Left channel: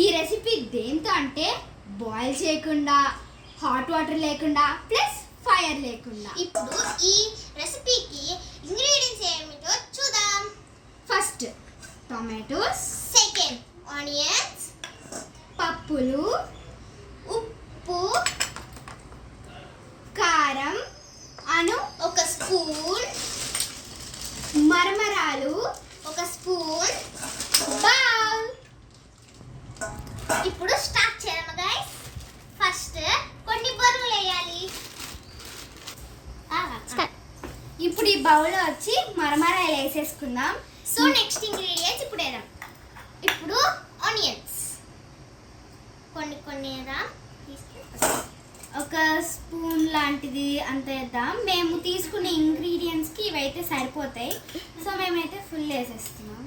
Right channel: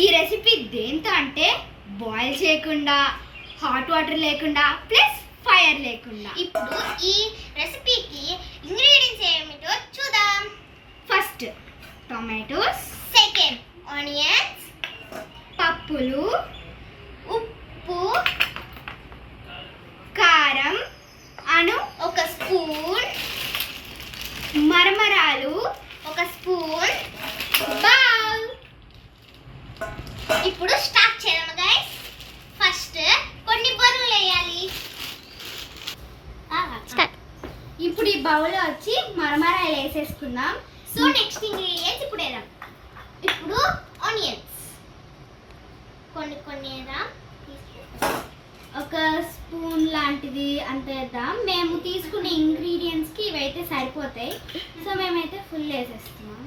ఈ రెసిపీ దేంతో అంటే బాయిల్ చేయకుండా, హాట్ వాటర్ లేకుండా, ప్లస్ ఫైర్ లేకుండా. ఇప్పుడు ఈ రెసిపీకి ఇంగ్రీడియంట్స్ ఏమిటో చూద్దాం. ఫస్ట్ టొమాటోస్, సెకండ్ ఆనియన్స్, పప్పులు, ఉప్పు, కారం అను ఒక స్పూన్, మరమరాలు ఒక స్పూన్, బౌల్. ఇప్పుడు స్టార్ట్ చేద్దాం గైస్. ఫస్ట్ కొన్ని బొరుగులు వేయాలి. ఇప్పుడు ఈ బౌల్లో వచ్చి మరమరాలు వేసేసుకుందాం. సో నెక్స్ట్ ఇంగ్రీడియంట్స్ ఇప్పుడు వేద్దాం. ఇప్పుడు ఆనియన్స్ కొన్ని వేద్దాం. ఒక స్పూన్ లాంటిది అంత వేద్దాం. మేము తీసుకునే ఇంగ్రీడియంట్స్కి ఇవైతే సరిపోతాయి. సో మేమైతే ఫుల్ వేసేస్తున్నాం.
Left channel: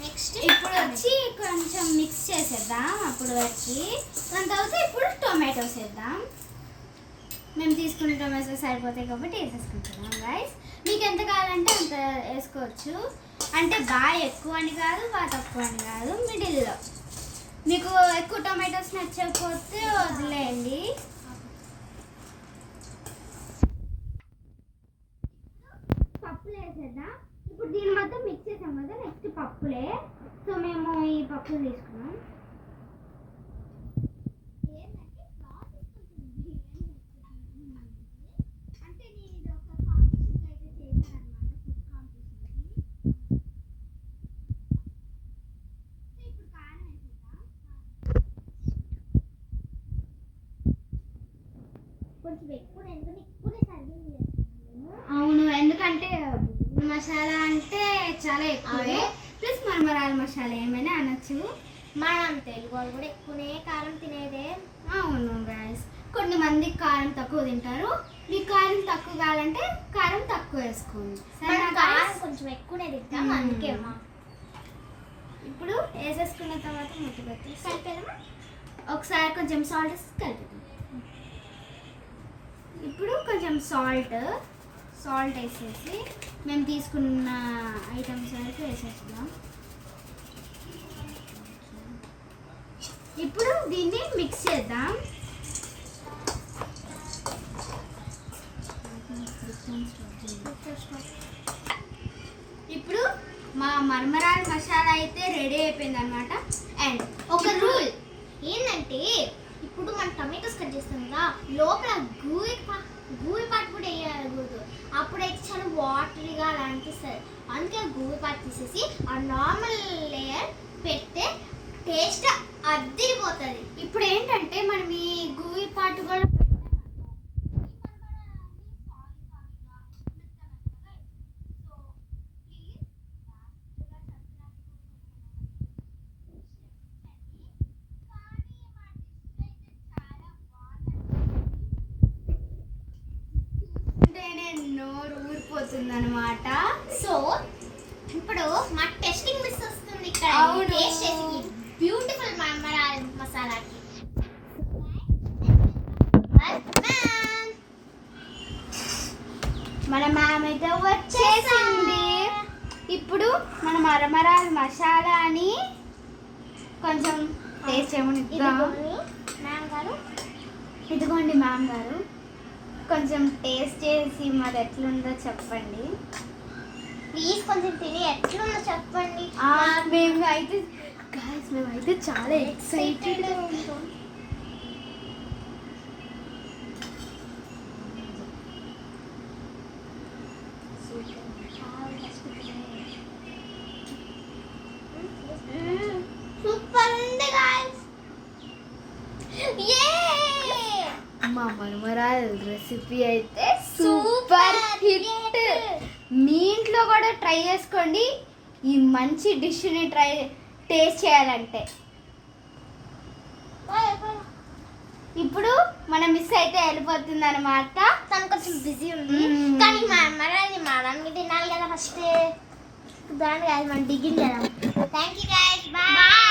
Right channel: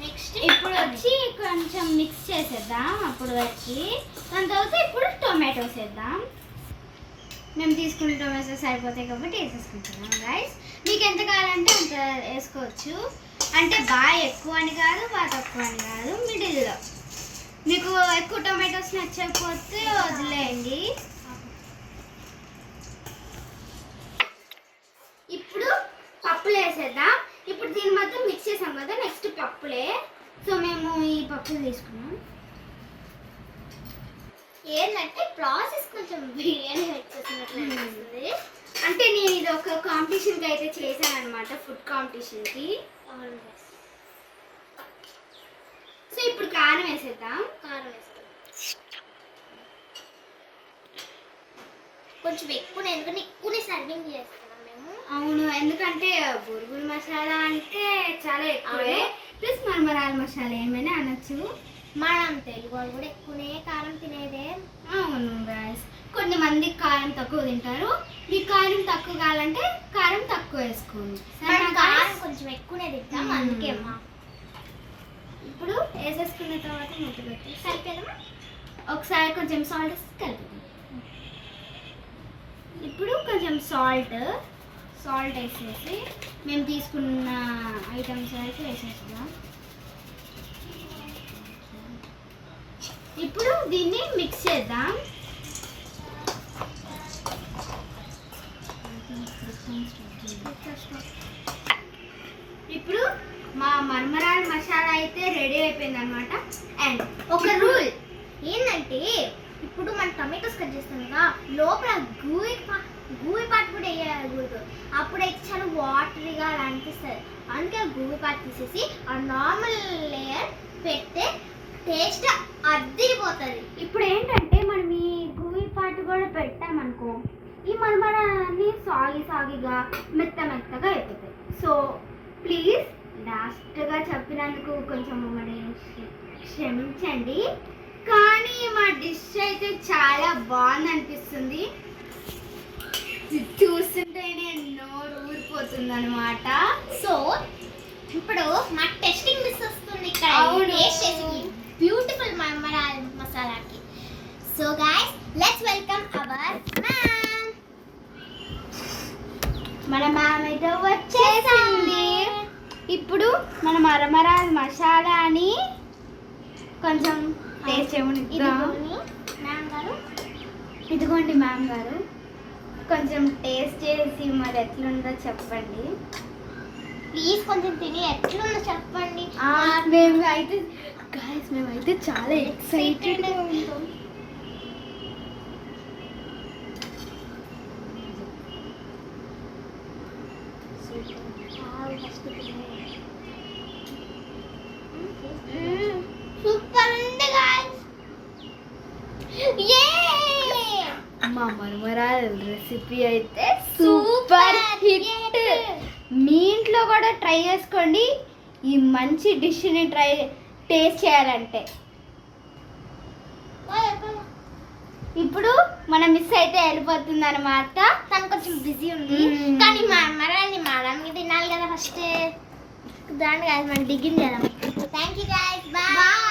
నెక్స్ట్ ఇప్పుడు వచ్చి కొంచెం మిక్స్ చేసేద్దాం. అప్పుడు వచ్చి దాని తర్వాత ఇప్పుడు టొమాటోస్ వేద్దాం. మేము తీసుకున్న టొమాటోస్ సరిపోతాయి కాబట్టి వేసేసుకుంటున్నాం గైస్. మీకు ఎంత కావాలంటే అంత వేసుకోవచ్చు. అంటే బాగా ఎక్కువ అని కాదు, బాగా తక్కువ అని కాదు, మిడిల్లో. మీకు ఎక్కువ టొమాటోస్ నచ్చకపోతే వదిలేయండి. ఇప్పుడు పప్పులు వేసేద్దాం. ఇప్పుడు దీన్ని మొత్తం మిక్స్ చేసాం కదా, నెక్స్ట్ పప్పులే. సో మేము ఈ పప్పులు తీసుకున్నాం. ఏంటంటే ప్రాసెస్ కొంచెం బిర్యానీ వచ్చేసినట్లు అనిపిస్తుంది. అంటే నేను ఇది ఒక కాంపిటీషన్కి అయితే చేశాను అనమాట, ఫుడ్ కాంపిటీషన్కి. సో ఇప్పుడు కారం వేసేద్దాం. కొంచెం ఎక్కువ ఎందుకంటే ఎక్కువనే సర్వింగ్ చేస్తున్నాం మేము. అవును, ఎందుకంటే బురుగుల మసాలా అంటే చాలా ఎక్కువే. ప్లస్ మరమరాల మసాలా ఏమైనా అనొచ్చు. మనం తెలుగు వాళ్ళు కూడా ఎక్కువనే కారం తినేదే. అవును గైస్, కొంతమందికి కారం తక్కువ తింటారు. మీకు కారం తక్కువ కావాలంటే కారం తక్కువ వేసుకోండి. కారం కొంచెం ఎక్కువనే తింటాం, అందుకే అమ్మా. ఇప్పుడు వేసేసుకున్న తర్వాత మూత పెట్టి కలిపేదమ్మా. ఒకసారి కొంచెం సాల్ట్ కలిపి, ఇప్పుడు కొంచెం సాల్ట్ వేసేసి మేము తీసుకున్న ఐటమ్స్ అయితే వేసేస్తున్నాం. ఇప్పుడు దీన్ని మిక్స్ చేద్దాం. ఇప్పుడు మా మరమరాల మసాలా అయితే రెడీ అయిపోయింది అనమాట. అండ్ ఒక రూల్ ఏంటంటే ఇప్పుడు మనం టమాటోస్ కట్ చేస్తాం కదా, లోపల గూయి పాటు కూడా వేయకూడదు. అప్పుడైతే చాలా వాటరీగా అలా అనిపిస్తుంది. అందుకే గూయి పాటు తీసేసి ఆ నార్మల్ లేయర్ పెడితే టేస్ట్ అద్దిరిపోతుంది. ఇప్పుడు ఏంటంటే మనం ఈ గూయి పాటు కూడా పెట్టామనుకో, ఈ మరమరాలన్నీ సాగిగా మెత్తగా అయిపోతాయి. సో ప్లీజ్ లాస్ట్గా చెప్పినందుకు కొంచెం మరి క్షమించండి. కానీ మా డిష్ అయితే చాలా బాగుంది అనిపిస్తుంది. చూస్తుంటేనే నోరు ఊరిపోతుంది అనమాట. సో ఇప్పుడు మా టెస్టింగ్ మిస్ వస్తుంది ఇక్కడ. అవును, బ్యూటిఫుల్ మరమరాల మసాలాకి. So guys let's welcome our ma'am. మన మ్యామ్ అయితే వచ్చేసింది. ఇప్పుడు మన మరమరాల మసాలాని కొంచెం టేస్ట్ చేయమనిద్దాం. మ్యామ్ గారు, ఇదిగోండి మ్యామ్ గారు, కొంచెం టేస్ట్ చేసి మరి ఎట్లుందో చెప్పండి ప్లీజ్. కొంచెం తిని ఎట్లుందో చెప్పండి. మేమైతే చాలా ఎక్సైటెడ్. సూపర్ ఉంది గైస్. మా మరమరాల రెసిపీ అయితే సూపర్ హిట్. మీ ఇంట్లో కూడా ట్రై చేసుకోండి ఈ మంచి డిష్ని టేస్ట్ చేయాలంటే. ఇప్పుడు మన మిస్ అయితే వెళ్ళిపోతుంది అనమాట. తను కొంచెం బిజీ ఉంది, కానీ మరమరాల్ని మనమే తినాలి కదా ఫస్ట్. దాని గైస్ మనం డిగ్గింగ్ చేద్దాం. Thank you guys, bye.